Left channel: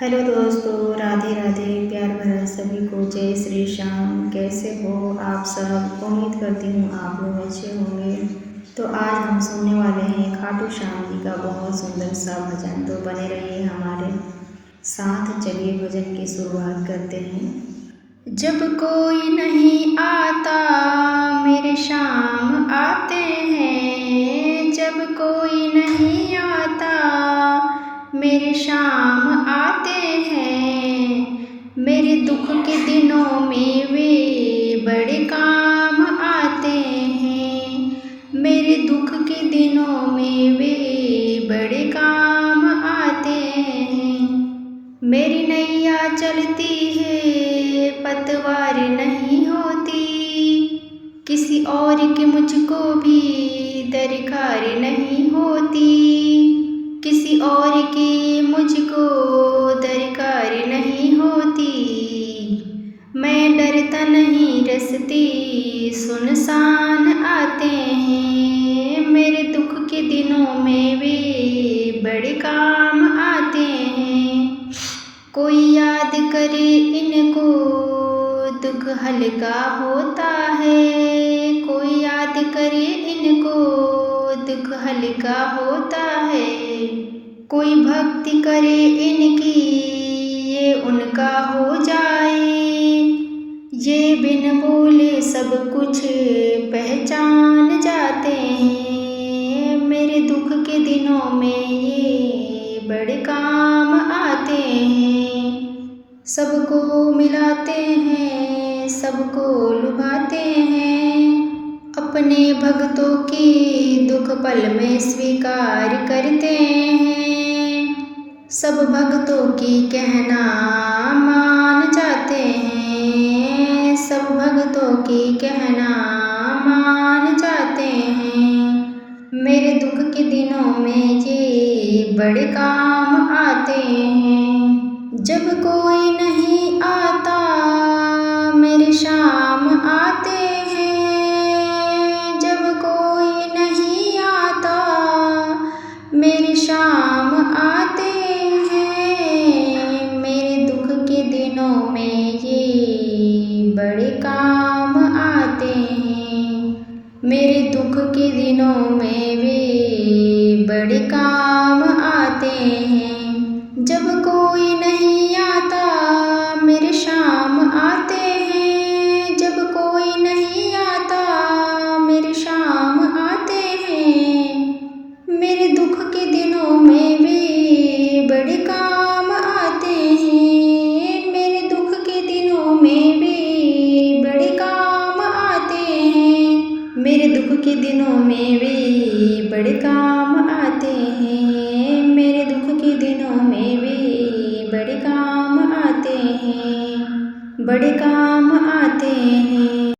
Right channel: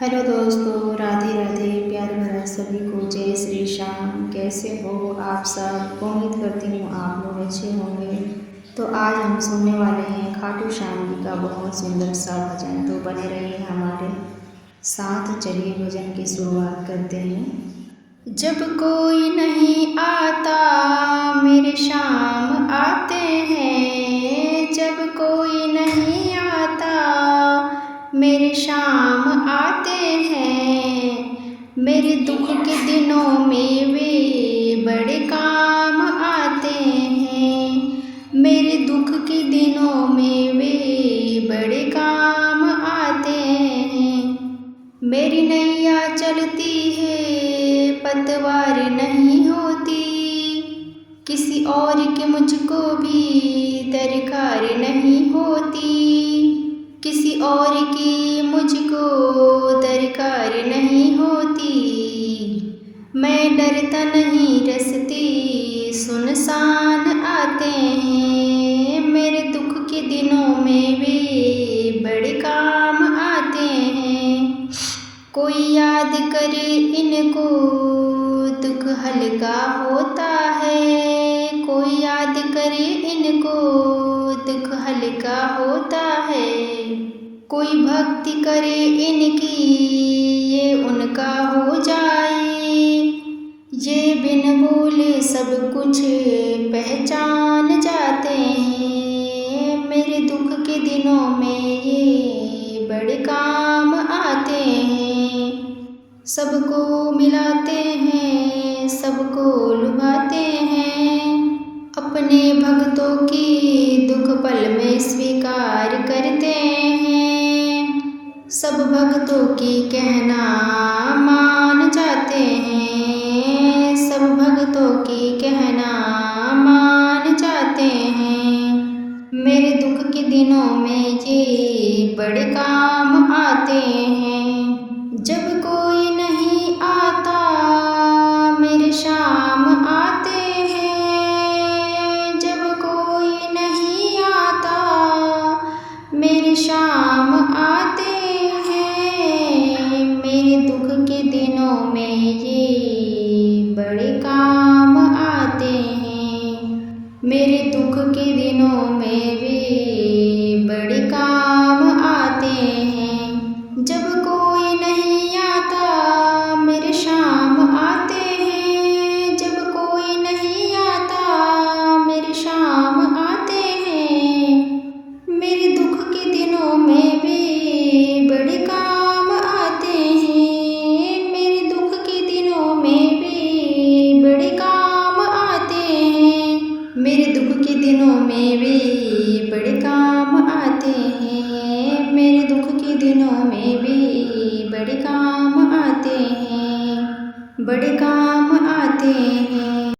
Hello दोस्तों, राधे राधे। प्यार भरा सभी को जय श्री श्याम। कैसे हो आप सब? उम्मीद करती हूँ आप लोग अच्छे होंगे। तो आज हम सुनने वाले हैं खाटू श्याम जी का बहुत सुंदर सा भजन। तो बने रहिए हमारे साथ। चलिए भजन की शुरुआत करते हैं। जब कोई नहीं आता मेरे श्याम आते हैं, जब कोई नहीं आता मेरे श्याम आते हैं, मेरे दुख के दिनों में वे बड़े काम आते हैं, मेरे दुख के दिनों में वे बड़े काम आते हैं। मेरी नैया चलती है पतवार नहीं होती, किसी और की मुझको भी दरकार नहीं होती, किसी और की मुझको दरकार नहीं होती। मैं डरता नहीं रस्ते सुनसान आते हैं, मेरे दुख के दिनों में वे बड़े काम आते हैं। कोई याद करे इनको दुख हल्का होता है, कोई याद करे इनको दुख हल्का होता है, कोई भक्ति करे इनकी ये उनका हो जाए, ये बिन भूले सब कुछ पहचान जाते हैं, मेरे दुख के दिनों में ये बड़े काम आते हैं। सबको मिलाते हैं, सबको लुभाते हैं, अपने भक्तों की दुख पल में स्वीकार करते हैं, सब भक्तों की कहना